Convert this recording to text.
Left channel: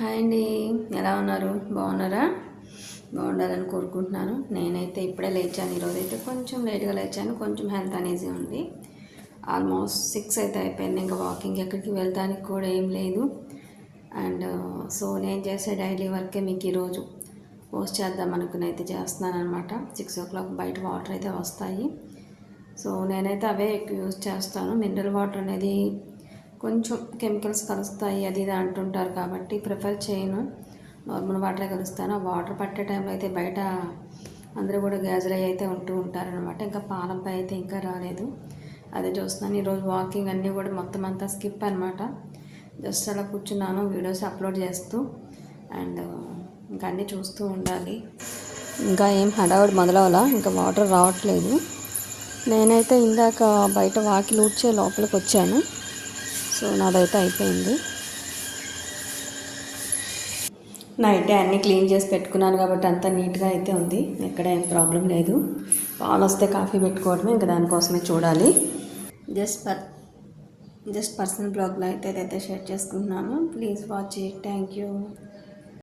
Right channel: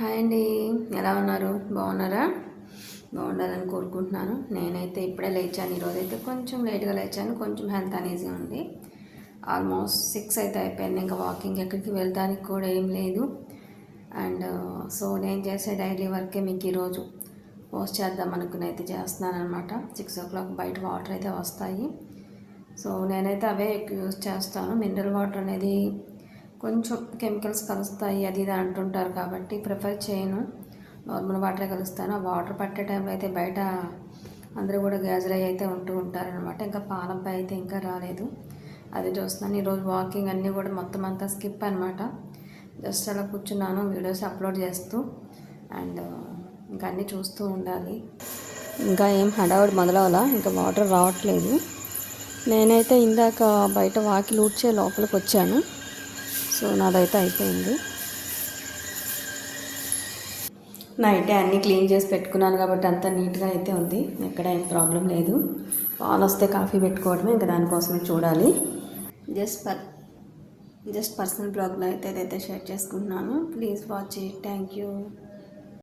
Hi అండి, ఎలా ఉన్నారు? బాగున్నారా? బాగుండాలని కోరుకుంటున్నాను. నేనైతే ఇప్పుడే లేచాను. ఈరోజైతే కొంచెం లేట్గా లేచాను. కొంచెం హెల్త్ అనేసి ఉంది. ఆల్మోస్ట్ 6 అయితే అయిపోయింది. ఇంకా వాకింగ్ ఎక్కడికి వెళ్ళడానికి కూడా ఏం లేదు. అండ్ సో నేను చేసే డైలీ వర్కే మీకు ఈరోజు పోస్ట్ చేద్దాం అనుకుని అయితే చేస్తున్నాను అనమాట. 6 o'clock బయట వాటర్ అయితే వస్తాయి. సో నేనైతే అవే ఎక్కువ యూజ్ చేస్తాను. మినరల్ వాటర్ అనేది కొంచెం కెమికల్స్ కలుస్తాయి అది ఇది అంటుంటారు కాబట్టి ప్రిఫర్ చేయను. నార్మల్ వాటరే కలుస్తాను. ఆ వాటర్ పట్టే టైంలో అయితే బయట అందరూ కూడా గ్యాజర్ అయితే ఉంటూ ఉంటారనమాట. ఇంకా పాలపై అయితే ఇంకా రాలేదు, అదే చూస్తున్నాను. ఈరోజు వాకింగ్ అన్నీ కూడా మొత్తం అంతా స్కిప్ అనమాట. జస్ట్ అలా కూర్చున్నాను వీడియోస్ అప్లోడ్ చేస్తూ. అండ్ ఇంకా అన్నీ చూస్తూ ఉండాలి. ఇంకా ఏం హడావుడి మొదలవలా, ఇంకా వాటర్ రావట్లేదు. నేనైతే ఇందాక బయట వాకిలి ఊడ్చే లోపలికి వచ్చాను. సో నాదైతే అయిపోయింది. నైటే అన్నీ క్లీన్ చేసి పెట్టుకున్నాను కాబట్టి అంతా నీట్గా అయితే ఉంది. ఎక్కడ ఏం ప్రాబ్లం లేదు. పాలు వస్తే కాఫీ పెట్టుకోవడమే, ఇంకా దానికోసమే చూడాలి. జస్ట్ పర్సనల్ బ్లాగ్లో అయితే ఇదైతే షేర్ చేసుకుంటున్నాను. Please watch it. Thank you.